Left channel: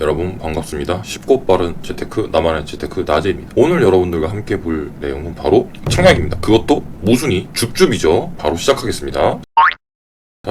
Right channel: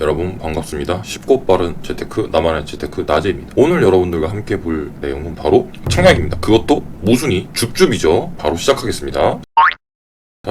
여러분 반갑습니다. 쉽고 빠른 재테크 나만의 재테크 나제입니다. 오늘 여러분들과 함께 볼 내용은 바로 청약입니다. 그것도 모순이 줍줍이죠. 바로 시작하겠습니다.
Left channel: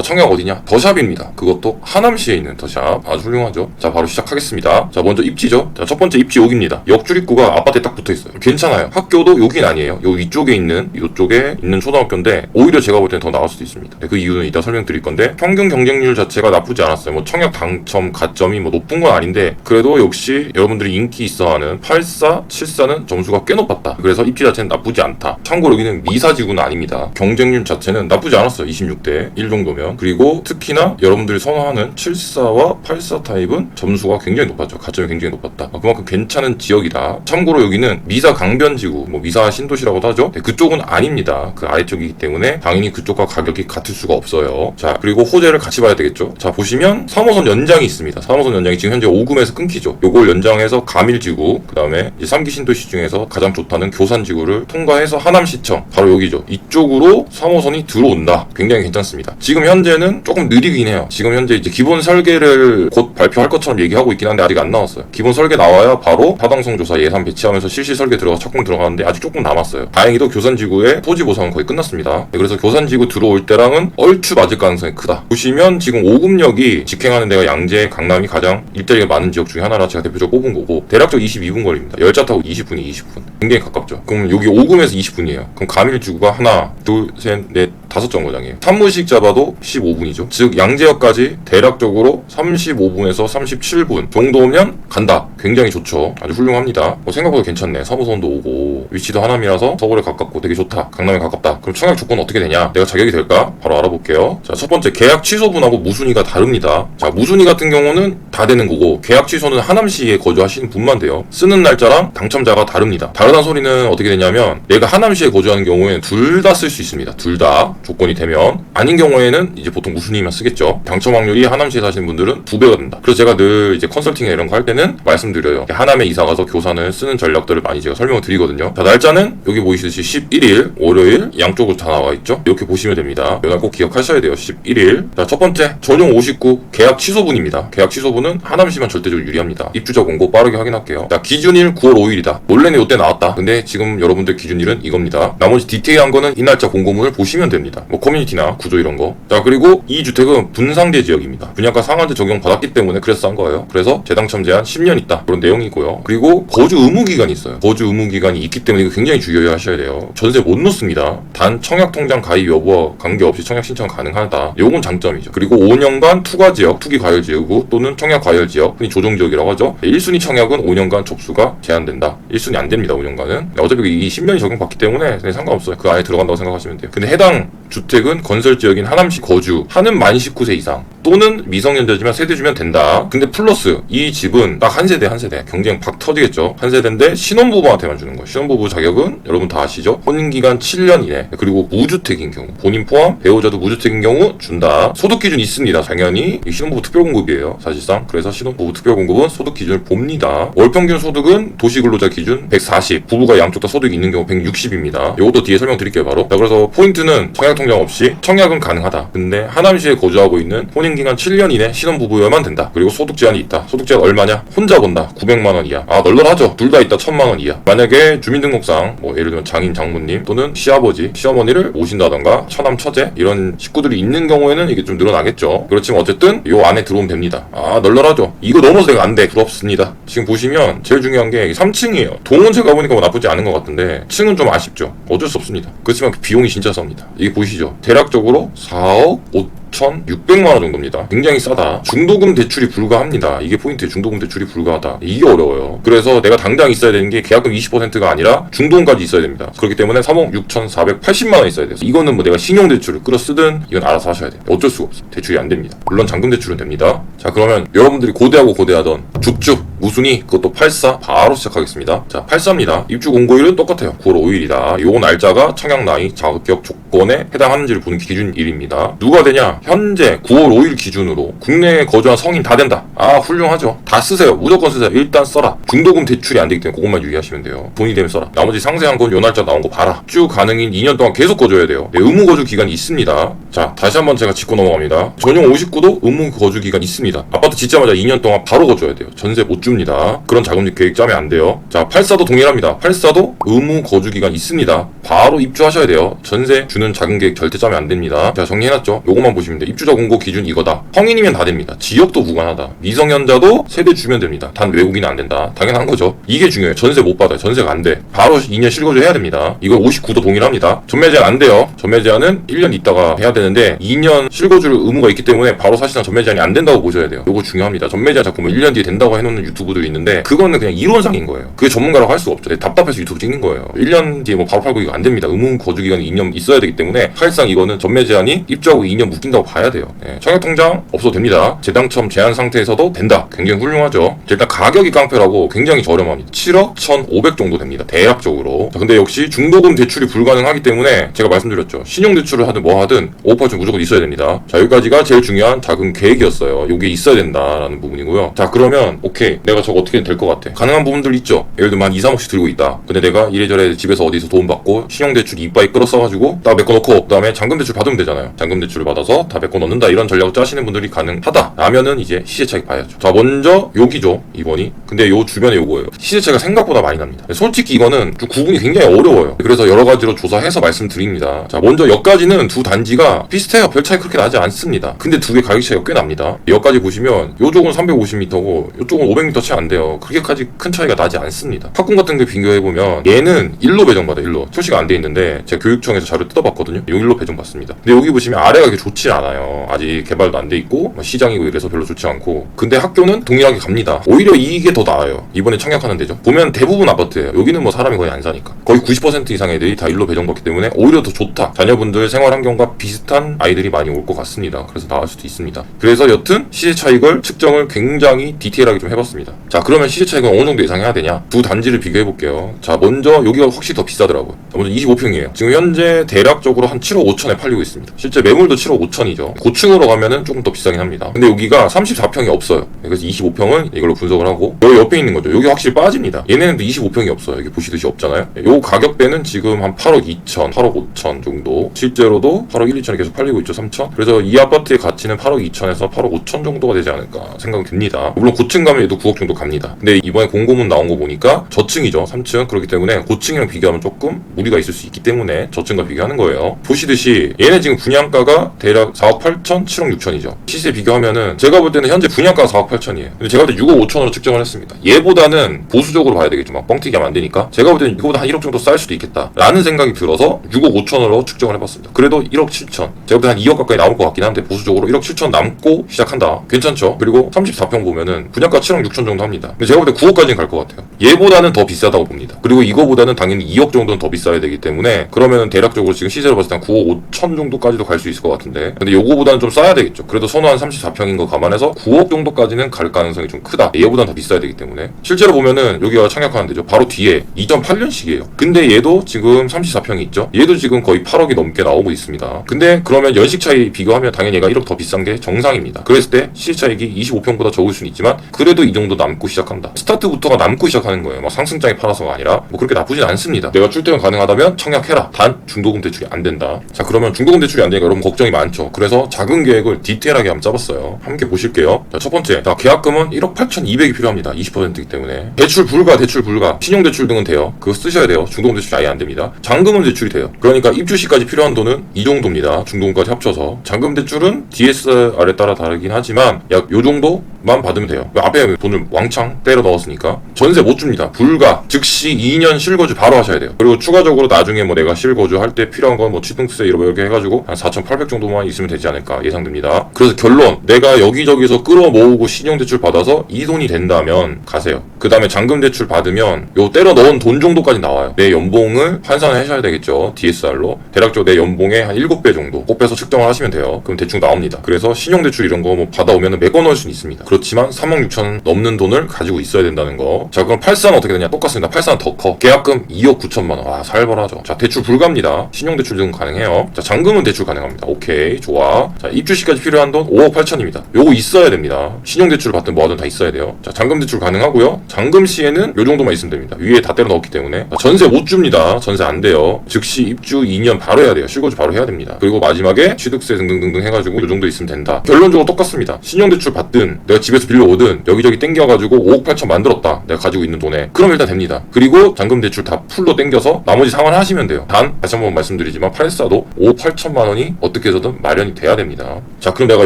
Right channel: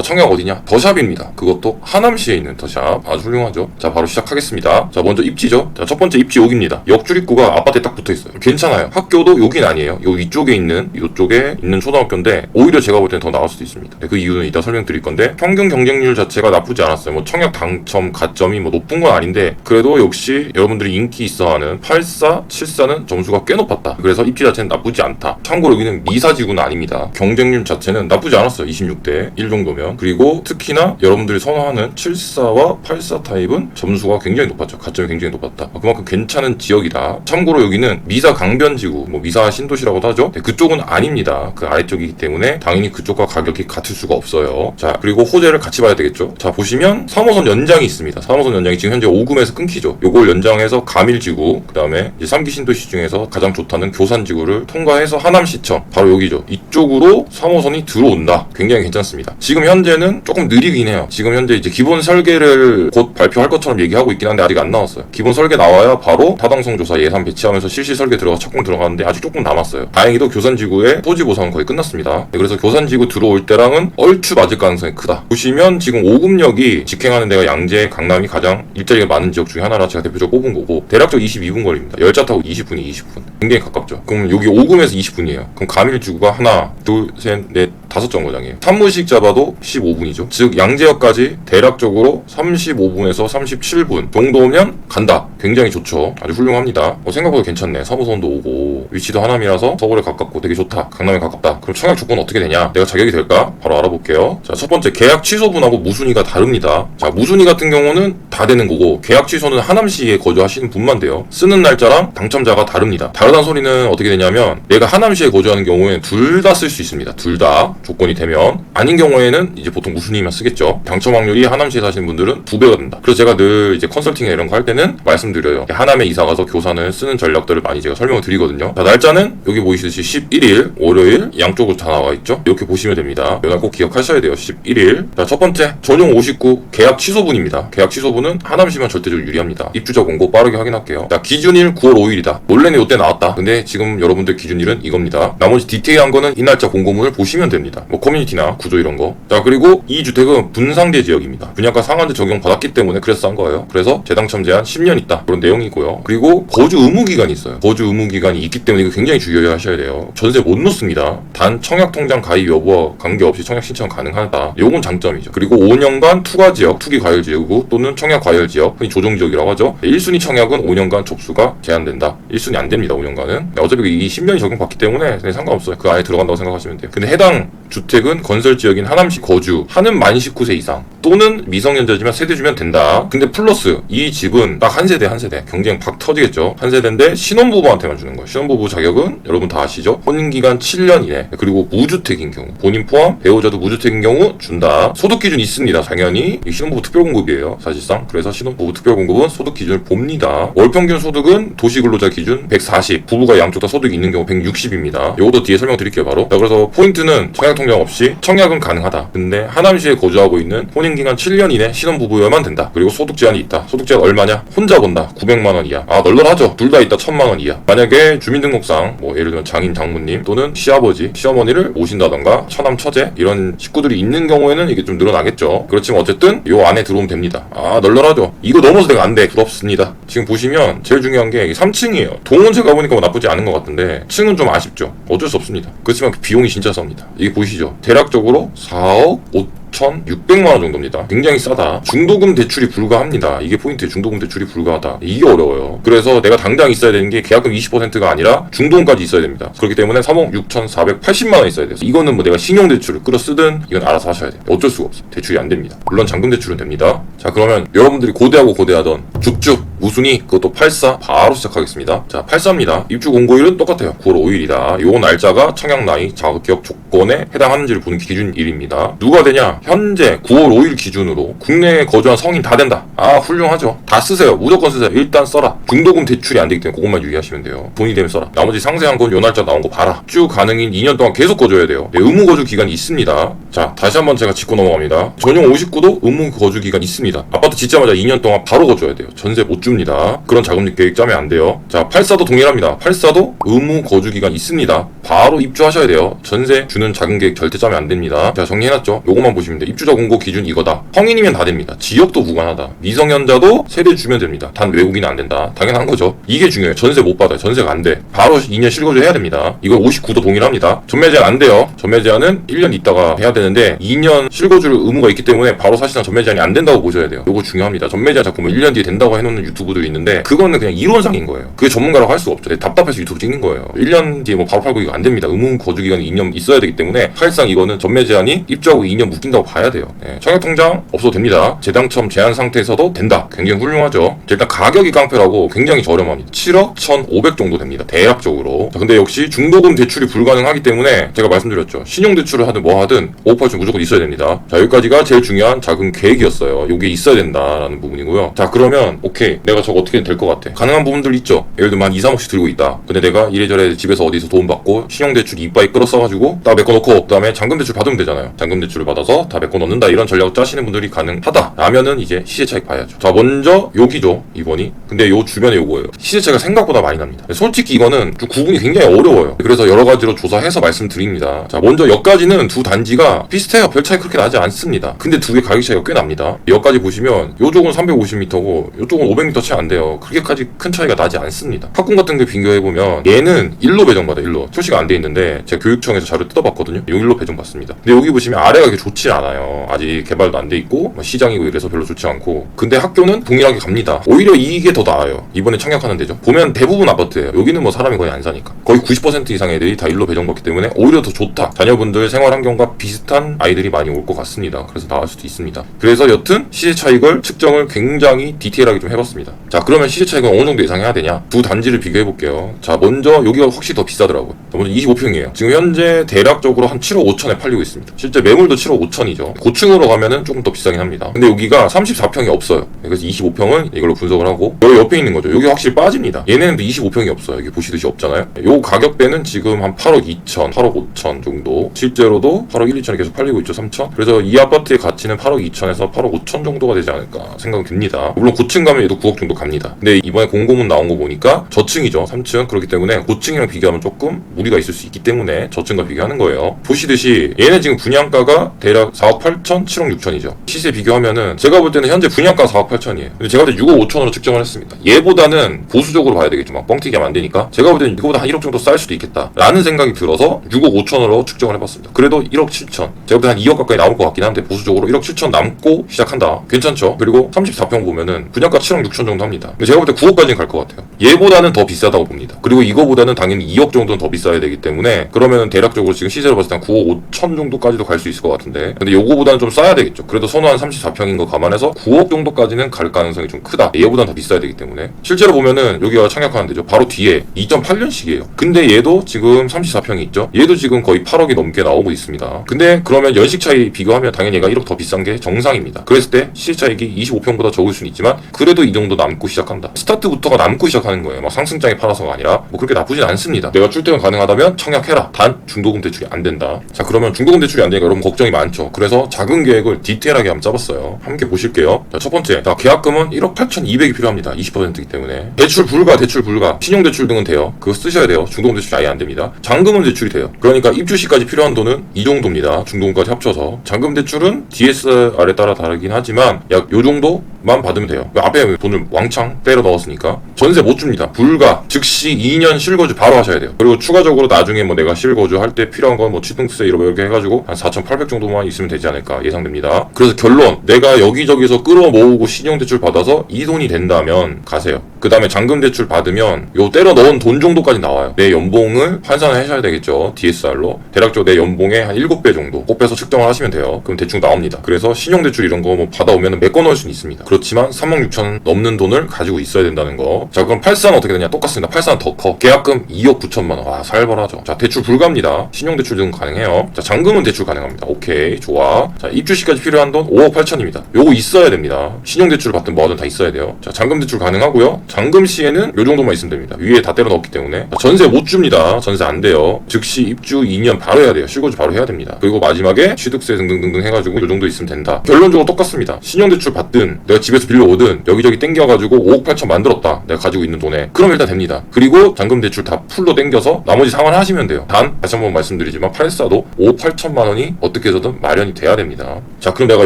자, 청약 어디냐? 더샵입니다. 그것도 하남시에 있는 더샵. 아주 훌륭하죠? 자, 바로 시작하겠습니다. 자, 먼저 입지죠? 자, 첫 번째 입지 여기입니다. 역출입구가 아파트에 딱 붙어 있어요. 괜찮아요. 학교도 여긴 아니에요. 요 위쪽에 있는, 이쪽에 있는 초등학교인데, 오히려 제가 볼 때는 더 나을 수도 있습니다. 네, 그 이유는 이따 설명드릴 건데, 평균 경쟁률 자체가 나쁘지 않았어요. 뭐, 청약 당첨, 가점이 뭐 높은 건 아닌데, 그래도 역시 여러분들이 인기 있어 하는 84, 74는 점수가 꽤 높았다. 그래서 입지 자체는 나쁘지 않다. 참고로 여기는 미사지구는 아닙니다. 경쟁률 자체는 나쁘지 않았어요. 26대 1 정도면. 그리고 특히나 여러분들이 선호하는 74와 84 타입은 점수가 굉장히 높았죠. 가점이 굉장히 높았다. 아, 그만큼 괜찮은 지역이다. 참고로 여기는 미사 강변지구, 뭐 미사 신도시라고도 하죠. 네, 그쪽은 아닙니다. 그 아래쪽이기 때문에 당연히 그쪽과 가격이 같을 수가 없어요. 자, 그리고 호재를 같이 봐야 되겠죠. 자, 보시면 3호선 연장이 있습니다. 3호선 연장이 지금 현재 5금에서 끊기죠. 요걸 연장해서 카밀지구, 그 다음에 이제 3기 신도시 중에서 가장 좋다는 교산지구를 통과해서 하남시청, 바로 여기죠. 이쪽으로 3호선이 들어온다. 굉장히 괜찮습니다. 지금 현재 는 조금 느리긴 해요. 지금 현재 이제 기본 설계를 곧 발표할 것처럼 얘기하고 있긴 한데 아직 안 나왔어요. 기본 설계 나와야 바로 타당성 조사 예산 배치하면서 실시 설계 들어가 착공 들어가는데 아직 조금 남았어요. 다행히도 교산지구의 토지 보상은 거의 끝났습니다. 네, 그래서 교산지구 들어올 때랑은 얼추 맞을 가능성이 크다. 보시면 지금 오금역이 직행하는 데가 양재, 강남이 가장 일자리가 많은 지역 중에 하나라 제가 대표적으로 뽑은 거고 대략적 22분 거리입니다. 열차 타고 20분이 20분. 굉장히 가깝죠. 그럼 여기 오금에서 20분이에요. 그럼 가밀지구가 하나, 둘, 셋, 넷, 다섯 정거장이에요. 산무식 잡아도 15분이죠. 즉 양재역까지 대략적으로 35분에서 37분 정도면 간다. 굉장히 좋죠. 아주 훌륭합니다. 어, 생각보다 괜찮네. 3호선도 오고 위치도 하남이라서 서울에 가깝고 되게 좋다. 강남에 가깝다. 그럼 청약 조건 어떻게 되냐? 내가 자격이 될까? 바로 알아볼게요. 자, 첫 번째 계약 취소분하고 무순위가 다릅니다. 자, 무순위 같은 경우는 다 되는 거고 계약 취소는 하남시에 거주하시는 분만 돼요. 쓰는 날짜랑 당첨자가 다릅니다. 다르다는 소리는 어떻게 되냐면 내가 하남시에 거주하는 경우에는 둘 다 쓸 수 있습니다. 둘 다 조건이 되면 아닌 경우에는 이제 보통 무순위만 쓰겠죠. 당첨 확률이 하남시에 사시는 분들은 두 배가 된다. 그래서 제가 늘 이제 컨설팅이나 이런 거 할 때는 말씀드려요. 하남에 이사 가서 교산을 쓰는 전략들을 많이 제가 설명을 드리거든요. 자, 날짜는 여기 보이시듯이 11일, 월요일 양쪽으로 다 나와 있죠. 이렇게 보시면 됩니다. 이날 꼭 기억하셔야 돼요. 11일. 자, 첫 번째 전용 59 계약 취소분입니다. 계약 취소분은 하남시만 절대적으로 유리합니다. 입주자 공고 빠르게 확인할게요. 자, 기준일 9월 5일이다. 원래는 이때 나왔다. 근데 지금 여러분들 기준일은 이겁니다. 나머지 디테일한 거는 이 날짜 공고문을 보시면 됩니다. 뭐 커뮤니티나 구조 이런 거. 자, 그리고 이 주택은 분상제 지역입니다. 분양가 상한제 적용 받았기 때문에 그래서 싼 거예요. 그래서 재당첨 제한 10년 있다. 그런 내용이고요. 그리고 거주 의무 기간이 있어요. 거주 의무 기간이 있기 때문에 이거 굉장히 주의하셔야 돼요. 전세 못 놓습니다. 단 청약 통장 가입 여부와 관계없이 청약 신청 가능하다. 요건 장점이죠. 그리고 5년간 투과 지역, 투기 과열 지역구 또는 청약 과열 지역, 흔히 조정 지역이라고 하죠. 1순위 청약은 5년간 촉수가 제한된다. 1순위 안 됩니다. 5년간은. 어차피 이 10년이 적용받기 때문에 상관없어요. 그 안에 들어간다고 생각하시면 돼요. 근데 해당 주택은 건설 지역인 하남시 거주 하는 만 19세 이상 또는 미성년자지만 세대 주면 된다. 근데 플러스 이 집은 딱 한 세대 한 세대 경쟁 팍 터지겠죠. 한 세대인데 신혼부부한테만 주는 거예요. 신혼부부 자격은 여러분 다 아시죠? 혼인기간 7년 이내 그리고 무주택인 경우 본인 포함 배우자도 무주택인 경우 준다. 소득 기준 있습니다. 당연히 이 신혼부부 특별공급이에요. 사실상 그래서 신혼부부 특별공급은 소득 기준을 봅니다. 월 평균 소득은 도시근로자 기준 140 부부가 양쪽 다 소득이 있는 경우 160입니다. 요것도 뒤에 설명드릴게요 바로. 자, 그래서 포인트는 청약 통장 없이 청약은 가능하다. 근데 하남시에 거주하고 있는 혼인기간 7년 이내 신혼부부여만 된다. 그리고 소득 제한이 있다. 소득 제한 얼마냐? 혼자 본다. 900만 원 이하. 아 널널하죠. 둘 다 있다. 1000만 원 이하. 만약에 주민등록상 뭐 예를 들면 장인 장모님 또는 시아버지 시어머니를 모신다던가 처남 처제 이런 식구들이 있는 경우에는 이게 좀 늘어나겠죠. 그렇지만 어쨌든 요 안에 들어오면 됩니다. 아 널널하죠. 이거 넘어서 내가 안 돼. 부럽습니다. 지금 보시면 제일 중요한 게 3층이에요. 동은 제가 보니까 뭐 나쁘지 않은 것 같은데 층은 좀 아쉽죠. 어쩔 수 없습니다. 그렇지만 그 비용이 진짜 쌉니다. 이게 보이시죠? 대략적으로 4억 我 1,600만 원 정도입니다. 굉장히 싸다. 중도금 대출이 불가합니다. 이게 포인트 중도금 대출이 불가하다. 이게 어려워요. 그래서 내가 당장 있어야 되는 게 계약금 20%가 아니라 중도금까지 있어야 됩니다. 그렇기 때문에 3억 6,480만 원 있어야 돼요. 이거는 뭐 내가 신용 대출을 끌어 쓰든 이건 알아서 하셔야 돼요. 어쩔 수가 없어요. 대출이 안 됩니다. 물론 잔금 대출은 됩니다. 자 그러면 여러분들이 고대하고 고대하던 죽죽 무순위 그것도 84 바로 시작하겠습니다. 자 84입니다. 입주 공고일은 똑같아요. 9월 5일이다. 요 날짜가 청약 나이 자격 조건에 해당하는지를 보는 기준일입니다. 누가 되냐? 자, 현재 9월 5일 기준으로 국내에 거주한 성인 다 된다. 아, 훌륭하죠. 다 쓰세요. 무조건 쓰세요. 일단 써라. 중도금 대출이 안 되기 때문에 그것만 유의하시면 돼요. 돈이 되면 써라. 나머지 상세한 건 요 날짜 나온 거 봐라. 쭉 가능인 2년 동안 계속 거줘야 돼요. 네, 의무 거주 기간이 있습니다. 자, 다시 한번 제가 짚고 넘어갑니다. 전용 59도 의무 거주 기간 있습니다. 아파트 짓자마자 2년 동안 바로 거줘야 돼요. 전세 못 줍니다. 그런 자금률 계획 짜면 안 돼요. 자, 84도 동일합니다. 84도 의무 거주 기간 있습니다. 바로 입주하셔야 돼요. 전세 주는 자금 계획 절대 짜면 안 됩니다. 자, 정리해놨죠? 요것만 보시면 돼요. 입주자 공고 기준 이거다. 성인이면 다 됩니다. 지역도 무관하다. 미성년자도 세대 주면 됩니다. 단 외국인은 안 된다. 당연한 거죠. 이게 중요해요. 전세 못 받아요. 전세가 안 돼. 바로 2년 실거주 해야 됩니다. 이거 59도 동일합니다. 전매 제한 안 돼요. 전매 제한은 1년 있다가 해야 되는데 2년 실거주 의무가 있기 때문에 바로 사실상 전매 제한이 안 된다고 보셔야 돼요. 요거 중요합니다. 전매 제한 자꾸 뭐 1년 뒤에 된다고 해놓는 유튜브들이 있는데 그거는 그냥 이론상인 거예요. 그게 전문가라고 할 수가 없죠. 네, 답답해서 유튜브 찍는 거예요. 1년 뒤에 뭐 바로 팔고 이거 안 됩니다. 의무 거주 기간이 2년 있어야 되기 때문에 사실상 이거는 전매 제한이 입주하고 2년 묶인다 고 봐야 돼요. 네, 청약 통장 없어도 됩니다. 재당첨 제한 상태에서도 된다. 굉장히 훌륭하죠. 일단 가격이 깡패라고 굉장히 저렴합니다. 7억 1,500 정도 됩니다. 대략적으로. 자, 근데 역시 중도금 대출이 불가능하기 때문에 제가 말씀드렸죠. 신용 대출을 하든 뭐 하든 5% 무조건 있어야 됩니다. 자, 여기까지가 제일 중요한 자금 계획이었어요. 요게 있어야 된다라는 부분이고요. 자, 그러면 오케이. 내가 저거 어떻게 될것 같아. 가능한 부분들 있죠. 예를 들면 한 2, 3억씩 들고 있다. 근데 내가 이래저래 집에서 어디서 도움 받고 신용 대출 이빠이 끌어 써가지고 다 메꿔 놓고 그다음에 잔금 대출 받으면 되잖아요. 잔금 대출을 받아서 다 메꿔 놓는다 이런 전략을 짜시는 분들이 가능하다. 라면은 이제 시세 차익 봐야죠. 자, 먼저 여기죠. 이번이. 근데 요 주변에 요거예요. 시세 차이가 생각보다 많이 납니다. 솔직히 이거는 좀 구분이 굉장히 어려워요. 그래서 여러 가지로 조사해서 말씀드립니다. 자, 먼저 여기까지는 두 단지가 비슷해요. 별 차이 그렇게 나지 않습니다. 근데 두 개 가격 차이가 꽤 납니다. 여기까지 보시면 요쪽은 350m고 요쪽은 500m 차이 안 돼요. 그렇게까지 큰 차이가 나지 않습니다. 학군 같은 데 비교해보면 얘는 1로 배정받아 1로. 출시가 안 돼 있는데 제가 교육청에서 자료 뜯어봤거든요. 요 1로 배정받습니다. 근데 여기 보시면 아래가 그렇게 좋지 않아요. 아직 개발도 안 돼 있고 뭐 시장이고 이래서 별로 좋지 않고 근데 학교는 동일하게 갑니다. 오히려 이게 더 나아요. 이번에 청약하는 데죠. 보면 대부분 아파트예요. 여기는 뭐 사람이 거의 안 사니까. 거의 90% 이상의 애들이 다 1로 배정받기 때문에 오히려 더 좋다. 자녀분들 생활 환경과 비슷한 아이들이 많이 올 것 같습니다. 그래서 나을 수도 있습니다. 그래서 여튼 시세 차익을 측정을 굉장히 디테일하게 좀 해봤습니다. 자 그러면 시세 차익은 어느 정도 예상해야 되냐? 두 단지를 비교해 볼게요. 자 먼저 여기가 확실히 더 비싸더라고요. 자, 먼저 25평이에요. 지금 현재 대략적으로 한 7억 5천에 팔리고 있습니다. 실제 매물도 7억 5천 이죠. 고층으로 가면은 조금 더 비싸긴 합니다. 근데 여기가 34평이 없어요. 그래서 25평은 이걸로 분석을 하고 여기 옆에 있는 거죠. 여기 확실히 빠집니다. 얘네는 25평이 없어요. 여기 보시듯이 없잖아요. 요 가격대는 지금 한 8억 2천, 8억 5천 정도. 실제로도 8억 1, 2천에 계속 팔리고 있죠. 3천. 그래서 이 아파트의 가치는 8억 2천에서 8억 5천 정도가 되지 않을까 생각이 듭니다. 물론 고층 가면 얘도 9억 정도 갑니다. 근데 이번에 공고문 나온 거 보니까 저층이죠. 3층. 그렇기 때문에 고층이랑 비교하면 조금 무리가 있을 수 있기 때문에 저층과 비교하는 거예요. 보시듯이 얘네 지금 분양가가 대략 4억 8천, 7억 6천이죠. 시세 비교하면은 제가 볼 때는 현재 분양가가 4억 8천이에요. 근데 제가 볼 때 6억 5천으로 측정을 했습니다. 얘보다는 보수적으로 봐야 되겠죠. 막 뻥튀기 하면 안 되니까. 제가 볼 때는 이거보다 한 1억 정도 쌀 수도 있겠다. 라는 생각이 들어서 6억 5천으로 측정을 해봤습니다. 그래도 1억 7천. 제가 볼 때 한 2억 가까이 나올 것 같긴 한데 보수적으로 1억 7천 남고 시작한다. 괜찮죠? 그리고 34평 보면은 분양가 7억 6천 정도 합니다. 제가 볼 때 9억까지는 갈 것 같아요. 얘보다는 더 비싸다고 봅니다. 그리고 이거보다는 당연히 2억 정도는 더 비싸야 되기 때문에 그러면 대략적으로 지금 시세로 봤을 때 한 9억 5천 정도까지도 갈 수 있을 것 같은데 근데 요거보다는 좀 싸야 되겠죠. 그래도 선호한 34평인 거 감안해서 9억 정도까지는 갈 가능성이 좀 크다. 얘보다는 더 비싸야 되기 때문에 실제로 보면은 여기가 청약하는 데죠. 바로 뒤에 2008년식이에요. 근데 얘도 지금 34평이 있죠. 얘도 지금 거의 8억이 넘게 나오고 있습니다. 근데 그러면 연식 차이 비교하면 당연히 얘가 1억 더 비싼 게 정상입니다. 그랬을 때 시세 차익이 25평보다 적을 수는 있지만 그래도 이 정도 남고 시작한다. 스타트부터가 남고 시작하는 거예요. 막 상승장에 팔아서가 아니라 뭐 그렇게 나쁘진 않습니다. 내가 출퇴근 가능하다면 청약해라. 단 중도금 대출이 안 된다. 자 그러면 중도금 대출이 안 되니까 여러분 걱정이 많죠. 그래서 자금 계획을 디테일하게 한번 짜봤어요. 함께 보실게요. 자, 첫 번째, 자, 계약금은 1억 8,200이 필요합니다. 20%이기 때문에 대출 불가, 대출 불가, 신용 대출 등은 돼요. 그거 쓰셔야 돼요. 중도금 대출이 아예 안 됩니다. 잔금은 대출이 돼요. 그러니까 입주 시까지 필요한 돈은 이 정도입니다. 중도금까지 합쳐서 잔금 대출은 DSR에 따라 다르긴 하지만 약 요 정도만 받으면 돼요. 그 앞에 돈을 왕창 때려 넣었으니까 전세 못 줍니다. 불가, 즉시 2년 실거주 바로 하셔야 돼요. 그리고 추가적으로 나중에 뭐 내가 실거주 할 때 필요한 건 뭐 취등세 이렇게 이렇게 해가지고 한4,800 정도만 있 으면 되지 않을까 예상됩니다. 그래서 결론 내가 여기저기서 끌어 모으고 신용대출 받아서 이 돈이 된다면 가세요. 그 다음에 잔금 대출 받으면 요 때려 넣은 돈 정도까지 나와요. 내 연봉을 환산을 해줘야 되겠죠. DSR로 대략적으로 내 연봉의 한 7배 정도 곱해서 측정을 하시면 돼요. 그럼 대충 나옵니다. 그래서 신용대출 이런 거 뭐 받아오면 메꿔 넣을 수는 있습니다. 그렇지만 3만 6천 넘는 돈을 가지고 있어야 된다는 거. 자 그럼 8산 어떻게 되냐? 똑같습니다. 8산 더 커. 계약금 2억 9천만 원. 아 살벌하죠. 자 대출 불가합니다. 신용대출 등 가능해요. 자 잔금은 대출 가능합니다. 오케이 좋아. 자, 입주 시까지 필요한 돈 5억 8천입니다. 요거 있어야 됩니다. 신용대출 받든 뭐든 다 있어야 돼요. 자, 잔금대출 가능하고요. 잔금 시에는 요 정도만 있으면 됩니다. 위에 다 때려 넣었기 때문에. 자, 전세 못 줍니다. 전세 안 돼요. 즉시 입주 2년 바로 해야 돼요. 실거주 바로 해야 됩니다. 그리고 마지막에 취득세 등등등등 해가지고 요 정도 있으면 된다. 결론적으로 똑같습니다. 신용대출 받든 내가 집에서 빌려오든 여기저기 땡겨가지고 5억 8천 만들었다. 내가 가지고 있는 돈에. 그러면 일단 됩니다. 그리고 잔금대출 다 풀로 땡겨서 나머지 상환하시면 돼요. 단 다시 한 번 말씀드리지만 8사도 5억 8천만 원이 어떻게 해서든 마련이 돼야 됩니다. 자 그럼 내가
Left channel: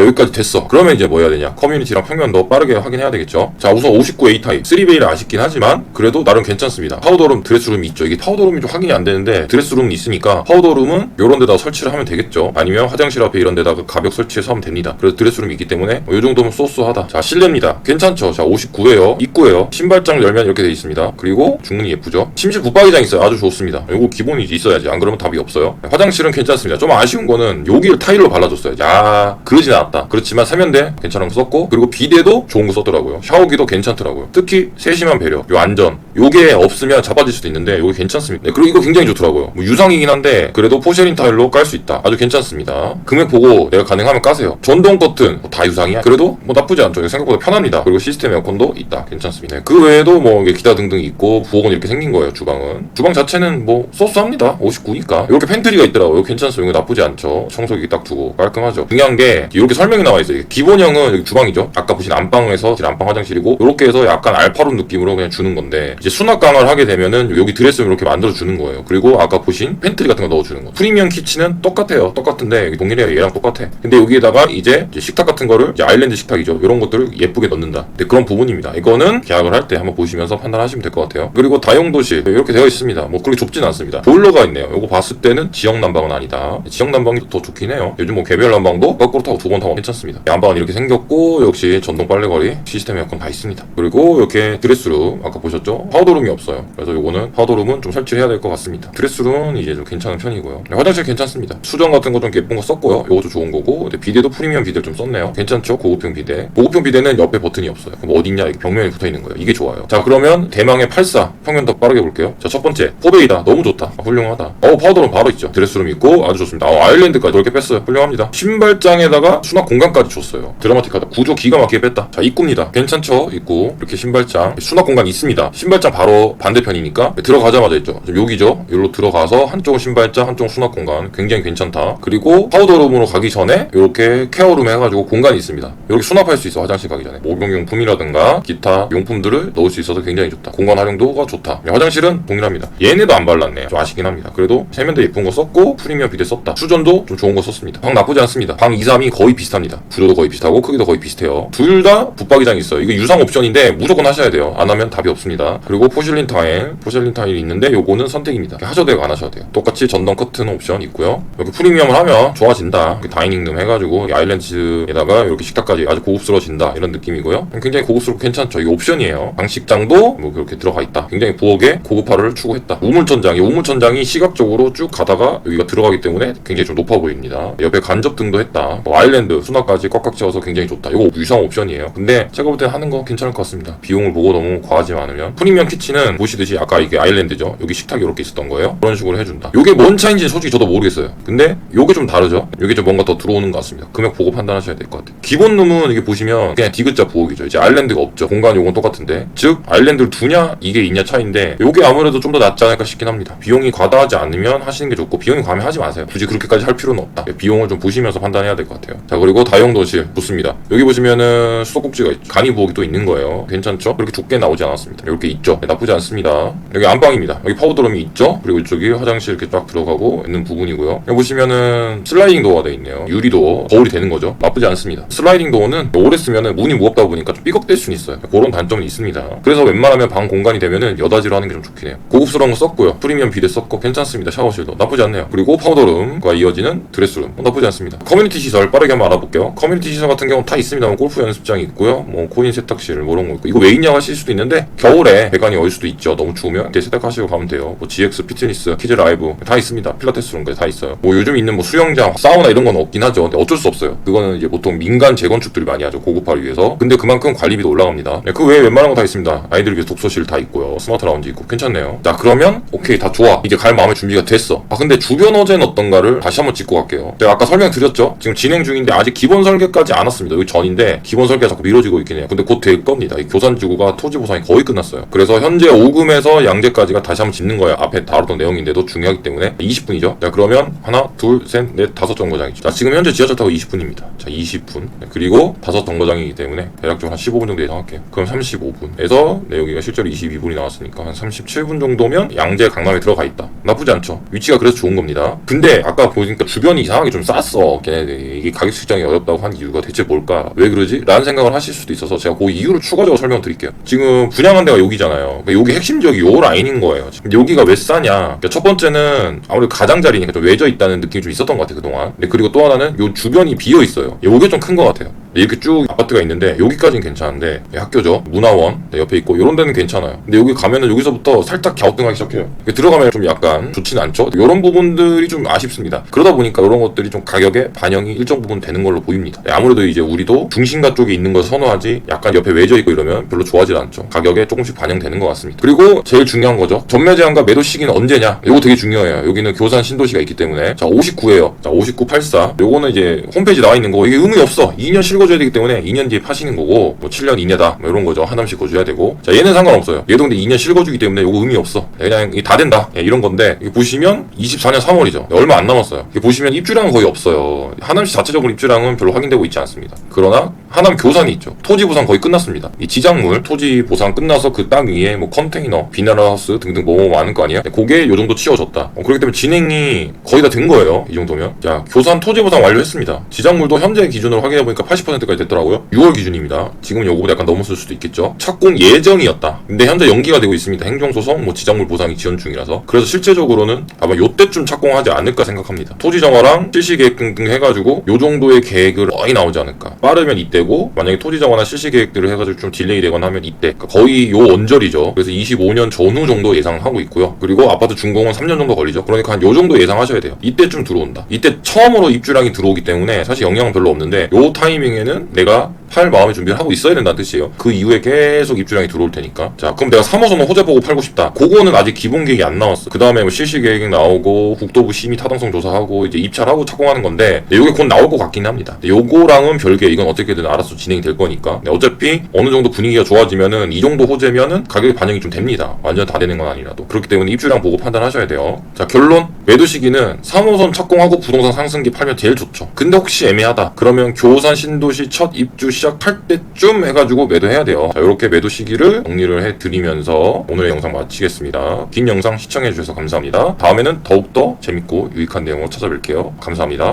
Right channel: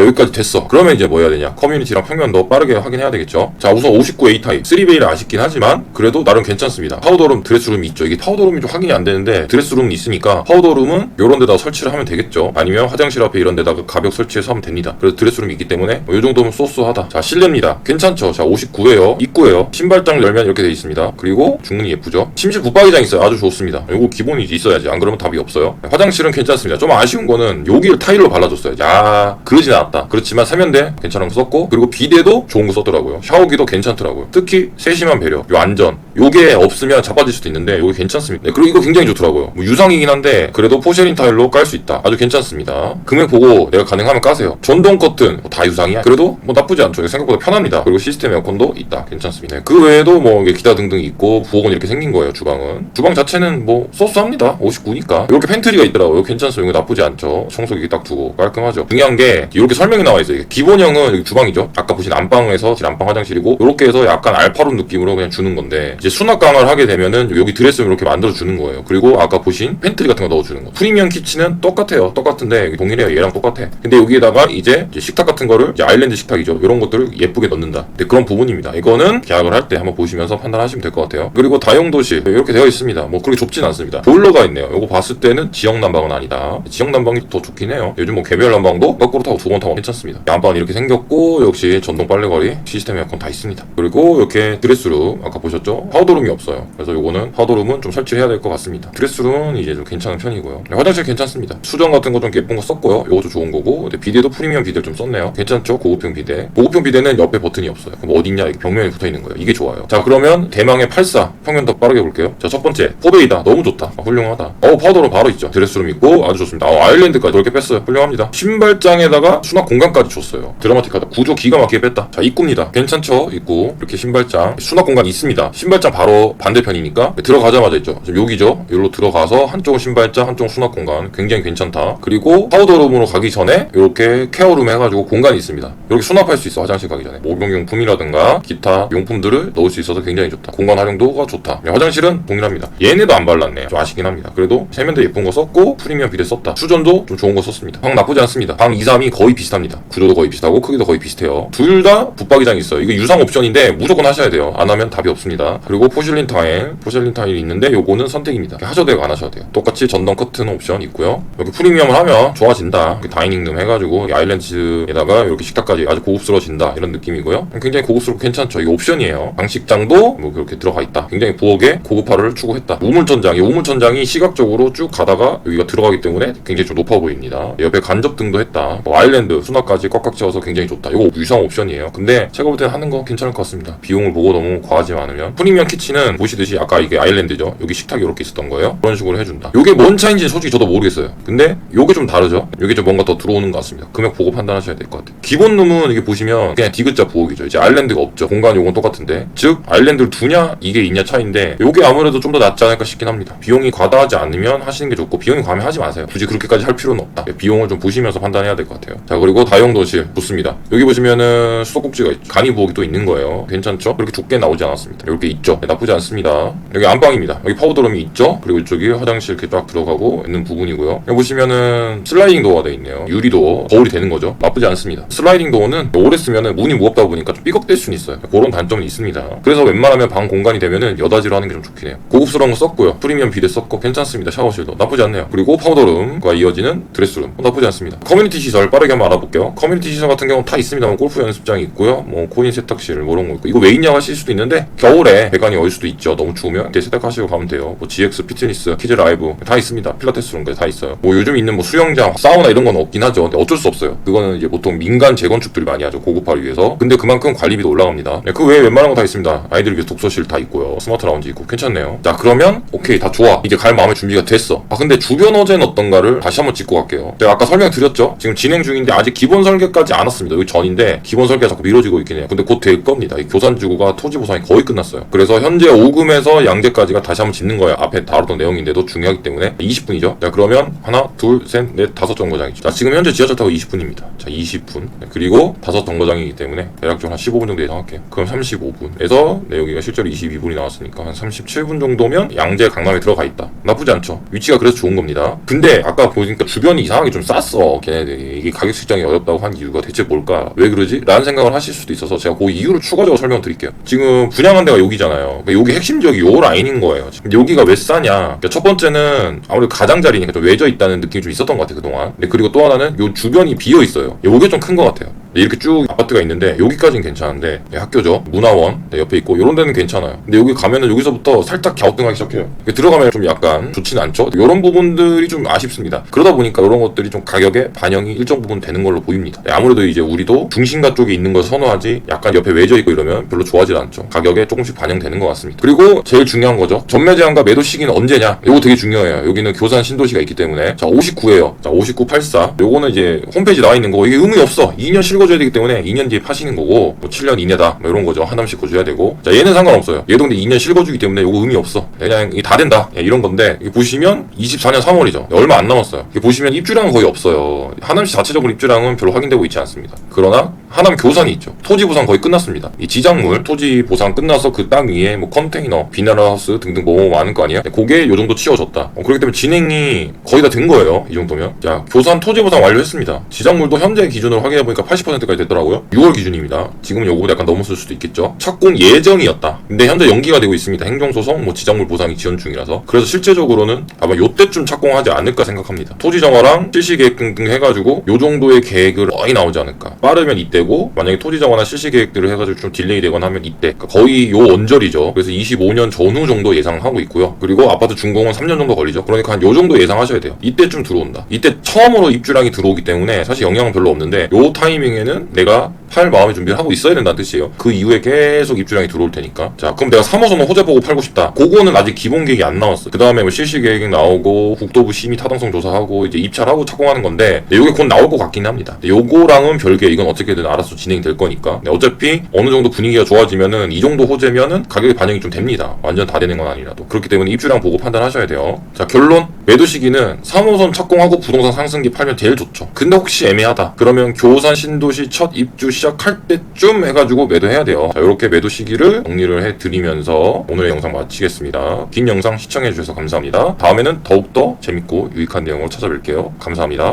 여기까지 됐어. 그러면 이제 뭐 해야 되냐? 커뮤니티랑 평면 더 빠르게 확인해야 되겠죠. 자 우선 59A 타입 3베이를 아쉽긴 하지만 그래도 나름 괜찮습니다. 파우더룸 드레스룸이 있죠. 이게 파우더룸이 좀 확인이 안 되는데 드레스룸이 있으니까 파우더룸은 이런 데다 설치를 하면 되겠죠. 아니면 화장실 앞에 이런 데다가 가벽 설치해서 하면 됩니다. 그래서 드레스룸이 있기 때문에 뭐이 정도면 쏘쏘하다. 자 실내입니다. 괜찮죠. 자 59에요. 입구에요. 신발장을 열면 이렇게 돼 있습니다. 그리고 중문이 예쁘죠. 침실 붙박이장 있어요. 아주 좋습니다. 이거 기본이 있어야지. 안 그러면 답이 없어요. 화장실은 괜찮습니다. 좀 아쉬운 거는 여기를 타일로 발라 줬어야지. 아 그러진 않았다. 그렇지만 세면대 괜찮은 거 썼고 그리고 비데도 좋은 거 썼더라고요. 샤워기도 괜찮더라고요. 특히 세심한 배려, 요 안전. 요게 없으면 자빠질 수도 있는데 요게 괜찮습니다. 네, 그리고 이거 굉장히 좋더라고요. 뭐 유성이긴 한데 그래도 포쉐린 타일로 깔 수 있다. 아주 괜찮습니다. 금액 보고 내가 가능하면 까세요. 전동 커튼 뭐 다 유상이야. 그래도 뭐 나쁘지 않죠. 생각보다 편합니다. 그리고 시스템 에어컨도 있다. 괜찮습니다. 네, 그 외에도 뭐 기타 등등 있고 부엌은 이렇게 생긴 거예요. 주방은. 주방 자체는 뭐 소스합니다. 59니까. 이렇게 팬트리가 있더라고요. 괜찮습니다. 이거 나쁘지 않죠. 청소기 딱 두고 깔끔하죠. 중요한 게 이렇게 설명이 나와 있어요. 기본형은 주방이죠. 아까 보신 안방에서 진 안방 화장실이고 이렇게 해서 약간 알파룸 느낌으로 그냥 주는 건데 이제 수납강을 하게 되면은 여기 드레스룸 이렇게 만들어 주는 거예요. 그리고 아까 보신 팬트리 같은 거 넣어 주는 거. 프리미엄 키친은 똑같아요. 똑같은데 동일해요. 얘랑 똑같아. 근데 여기에다가 이제, 이제 식탁 같은 거를 이제 아일랜드 식탁이죠. 이런 것들을 예쁘게 넣는다. 근데 그런 부분입니다. 이거는 계약을 할 때 한번 보시면서 판단하시면 될 것 같아요. 그리고 다용도실 이렇게 되어 있습니다. 뭐 그렇게 좁진 않습니다. 보일러가 있네요. 이거 봤을 때는 지역 난방은 아니다. 지역 난방이 더 좋긴 해요. 요즘 뭐 개별 난방도 거꾸로 타고 두 번 타고 괜찮습니다. 양방은 이렇게 생겼고 역시 전동 빨래거리 시스템 에어컨 다 있습니다. 그리고 이렇게 드레스룸 아까 보셨죠? 파우더룸이 없어요. 그래서 요거는 파우더룸은 좀 설치를 해야 될 것 같습니다. 드레스룸은 이제 좀 괜찮은 편이고요. 네, 화장실 괜찮습니다. 수전 같은 거 좀 예쁜 거 썼고요. 요것도 좋은 거고 비데도 프리미엄 비데 좀 썼네요. 괜찮죠? 고급형 비데. 고급형 비데는 옆에 버튼이 없어요. 그럼 어딨냐? 이게 벽면에 붙어 있는 거예요. 이게 좋아요. 자 그러면 대망의 84 평면 더 빠르게 볼게요. 자 첫 번째 포도이다. 너무 좋다. 아, 훌륭하다. 어 파우더룸 바로 있죠. 드레스룸 있고 아주 좋습니다. 어, 아일랜드까지 넓게 뺐어요. 훌륭합니다. 신발장에다가 수납 공간까지 줬어요. 드라마틱하다. 구조 기가 막히게 뺐다. 자 입구입니다. 괜찮죠? 입구 이렇게 신발장 수납 공간 있습니다. 신발장 바로 반대편이니까 들어가자마자 있죠. 지금 여기죠. 여기로 들어가서 한쪽은 신발장, 한쪽은 수납 공간 굉장히 괜찮다. 그리고 파우더룸으로 가기 전에 이렇게 케어룸 해가지고 공간이 있습니다. 여기 수납할 수 있어. 화장실 가기 전에 목욕용품이라든가 기타 용품들을 넣을 수 있어서 굉장히 좋다. 공간 활용도가 좋다. 네, 화장실은 동일합니다. 얘네도 안 발랐네. 좀 아쉽긴 합니다. 그래도 세면대 예쁜 거 썼고 프리미엄 비데 썼다. 수전도 좀 좋은 거 썼습니다. 방 나쁘지 않습니다. 방 2, 3이 거의 비슷합니다. 구조도 거의 비슷하고 크기도 거의 비슷해요. 둘 다 붙박이장 있어요. 이거 유상 옵션인데 무조건 하셔야 돼요. 안 하면 답이 없습니다. 그리고 포슐린 타일, 포슐린 타일이 있는데 요거는 선택입니다. 하셔도 되고 안 하셔도 돼요. 똑같이 전동 커튼 옵션 있고요. 여기 프리미엄을 하면 좋아진다. 여기 다이닝룸 해가지고 이 아일랜드에다가 이렇게 식탁까지 아주 고급스러워진다. 이런 느낌이고요. 굉장히 고급스럽고 괜찮죠. 이거 옵션이에요. 방식장도 뭐 그렇게 들어가 있다. 굉장히 부엌에 고급화를 추구했다. 우물천장이 우물천장이 시각적으로 쭉 가다가 여기가 들어가기 때문에 굉장히 좀 높아 보입니다. 옆에 간접 등도 했다. 뭐 아일랜드 수납까지 꽉꽉 채워서 굉장히 좋다. 이거 유상 옵션이에요. 근데 제가 볼 때 하는 거 괜찮을 것 같습니다. 비용을 보고 너무 과하지 않으면 프리미엄 키친은 보시듯이 아까 이게 아일랜드죠. 여기 식탁이 이렇게 있었던 거예요. 그런 식으로 해준다. 이게 뭔 차인지 솔직히 저도 모르겠어요. 근데 이게 좀 다르죠. 이게 좀 뭔가 더 들어오는 것 같습니다. 금액 보고 판단하셔야 될 것 같아요. 기본 룸은 이게 보시면 그냥 디귿자 부엌이죠. 이제 아일랜드가 없죠. 공간 요건 똑같은데 즉 아일랜드를 두냐 이게 있냐 차인데 요게 아무래도 좀 더 낫지 않을까 싶긴 합니다. 비용이 과다하지 않으면 하시는 게 좋고 비용이 과하면 하지 마세요. 굳이 그렇게까지 할 필요는 없다. 비용을 좀 보시면서 판단해야 될 것 같아요. 자 그리고 다용도실 붙습니다. 여기 보시면은 수도꼭지가 있죠. 간이 부엌이 또 있는 거예요. 괜찮죠? 그렇게 좁게 나오지 않았습니다. 이렇게 있죠. 네, 나쁘지 않습니다. 여기 안방입니다. 여기 파우더룸이 있죠? 그리고 이쪽이 화장실 이렇게 딱 들어가고 있는 부분이고요. 여기 보시면은 슬라이딩 도어가 돼 있네요. 유리도 거울이 되는 거죠. 나쁘지 않습니다. 슬라이딩 도어는 오래 쓰면은 문이 무겁다 보니까 좀 삐걱될 수는 있어요. 그런 단점이 있습니다. 그래서 웬만하면 방 공간이 되면은 여다지로 하는 게 좀 좋긴 해요. 고급스러운 거 썼고요. 프리미엄 비데 썼고 괜찮습니다. 샤워실도 나쁘지 않네요. 그리고 파우더룸과 이어지는 드레스룸 어, 나쁘지 않습니다. 커뮤니티 시설 빠르게 한번 알아볼게요. 커뮤니티 시설 같은 경우 다 있습니다. 뭐 골프 연습장이 있고요. 뭐 코인 세탁실 뭐 이런 거 있고 이거 왜 있냐고 하실 수도 있는데 겨울에 배관이 얼 수도 있죠. 너무 추우면 이제 세탁하시고 가면 돼요. 뭐 GX 피트니스, 키즈 라이브 다 있습니다. 필라테스룸까지 다 있어요. 뭐 요즘 있는 뭐 수영장, 사우나 이런 건 없긴 하죠. 근데 어쩔 수 없어요. 그거는 이제 보통 민간 재건축들 많이 하죠. 고급화를 위해서. 근데 그만큼 관리비도 올라갑니다. 네, 그 외에 웬만한 거 다 있습니다. 아이들 위해서 독서실 다 있고요. 스마트 라운지 있고 괜찮네요. 자 그러면 오케이 다 좋아. 이제 갈 마음의 준비가 됐어. 아 근데 주변 어제는 어떤가를 다시 한번 짚고 갈게요. 제가 아까 설명드렸죠. 지금 진행 중인데 아직 기본 설계까지 안 왔습니다. 여기 전인데 기본 설계가 자꾸 미뤄지고 있긴 해요. 근데 곧 될 겁니다. 이 교산지구가 토지 보상이 거의 끝났어요. 그래서 현재 5금에서 양재까지가 다시 한번 짓는 거예요. 앞에 다뤘던 내용인데도 중요하기 때문에 20분이죠. 자 그러면 하나, 둘, 셋, 넷, 다섯 정거장이죠. 자 지금 현재 지하철 타고 20분입니다. 자 20분 그리고 다섯 정거장이기 때문에 대략적으로 한 15분 정도 예상할게요. 그럼 35분에서 내 여기가 실제로 22분이 나왔으니까 한 37분 정도면 양재 강남에 들어가 있다. 나쁘지 않죠. 위치가 그래서 좋은 겁니다. 근데 아까 보니까 주변이 이상하게 좀 쌌어. 걔네들이 이게 가격 측정이 어렵다고 한 이유가 대체 뭘까? 왜 그러지? 라는 생각을 하실 수도 있어서 제가 그 이유를 추가적으로 설명드릴게요. 지금 분양한 데가 여기잖아요. 그러니까 여기 핵심 지역이 요 라인인 거예요. 여기가 왜 싸냐? 그러니까 첫 번째는 아무래도 가장자리니까 좀 외져 있다는 느낌이 좀 있었던 것 같아요 그동안. 근데 그리고 또 하나는 요 주변이 비어 있어요. 요게 좀 큰 것 같아요. 이렇게 쭉 아파트가 있는데 여기까지는 괜찮은데 학교죠? 문화원 네, 옆에 있고 이런 데는 괜찮아요. 근데 여기 가면은 여기서부터 살짝 갸우뚱하기 시작해요. 들어가면 좀 약간 좋지는 않죠? 이런 부분들이 좀 아쉽습니다. 그러다 보니까 이런 것들이 좀 가격에 반영이 일정 부분 되는 걸로 보입니다. 네, 아무래도 이제 우리도 중심가 쪽에 있는 걸 선호하지 약간 옆에 외져 있고 이러면 별로 좋아하지 않죠. 가격에 조금씩 반영되는 것 같습니다. 그리고 제일 중요한 거죠. 전매 제한과 매도 시기는 언제냐? 이거 되게 중요해요. 여기는 교산 신도시가 있기 때문에. 자 59에요. 자 5984 요거는 이제 홈페이지 나와 있는 거. 이게 의미 없어. 2년 실 거줘야 되기 때문에 2년 뒤에 파시는 거고 뭐 7년 이내다 뭐 이런 거죠. 한 원씩 거줘야 되고. 자 얘는 상관없어요. 얘도 근데 2년 실거주기 때문에 요거 의미 없어. 그냥 이게 다 된다. 예, 이런 건데 보시면 24년 3월이죠. 얼마 안 남았어요. 보시면 입주량은 거의 없어요. 하남시 자체적으로 입주량은 별로 확인되고 있지 않습니다. 그러나 하남 교산이 있죠. 토지 보상 거의 끝났습니다. 이 지작물 토지 보상 끝나서 그 땅 위에 뭐 컨테이너 비너하우스 등등 뭐 많은 거 아니야 그게 요 정도 치워졌다. 어, 그렇기 때문에 진행이 거의 다 된 거예요. 이 정도면. 자 교산 토지 보상 완료했습니다. 지작물도 현재 기준으로 확인해 보니까 80% 까지 됐더라고요. 6월 기준입니다. 지금 요거 약간 넘었을 수도 있겠죠. 착공 예정이었다. 근데 현재 연기가 되고 있습니다. 행정소송 뭐 지작물 보상이 지연 중이라서. 그래서 실제적으로는 아마 요때쯤 착공하지 않을까 생각합니다. 토지 정화랑 실시 계획 등등 해가지고 요 정도의 계획을 거의 나오지 않을까. 빠르면 이때고 만약에 토지 정화나 실시 계획들을 해가지고 좀 딜레이 되거나 하면 이때. 그러니까 거의 요 언저리죠. 그래서 25년 전후 정도 예상하고 있고요. 그리고 아파트 준공은 3년 정도 걸리죠. 그러니까 한 요 정도 예상하셔야 돼요. 이때쯤 들어온다. 이때 처음으로 입주량이 들어오기 때문에 사실 영향은 별로 없는데 요 타이밍에 는 내가 팔 마음의 준비를 하고 있어야 된다는 뜻이에요. 그 이후에 계속 입주량이 들어올 테니까. 자 그럼 내가 3호선은 호재 보고 팔고 싶다. 그거는 아직 기본 계획이 안 나왔어. 그 다음에 뭐 실시 계획 나오고 국토부 심의 타당성 조사하고 이제 입찰하고 착공하는 건데 네, 요게 곧 나올 것 같긴 합니다. 요거랑은 별개 이건 어떻게든 알아서 진행이 될 거니까. 네, 어차피 어느 정도 분위기가 좋아지면은 이 정도 호재면은 가격이 반영이 좀 됩니다. 완전 다 되는 건 아니라도. 그렇기 때문에 입주량 보고 판단하셔야 돼요. 자 결론. 매도 시기는 3호선 착공하고 부동산 상승기 팔면 제일 좋죠. 근데 혹시 애매하다. 그러면 교산 신도 시첫 입주 시작할 때쯤 해가지고 매도해야 돼요. 자 이렇게 매도 시기를 정리를 해드리면서 오늘의 영상 마치겠습니다. 긴 영상 시청해주셔서 감사합니다. 다음에는 더욱더 재밌고 유익한 내용으로 찾아뵐게요. 감사합니다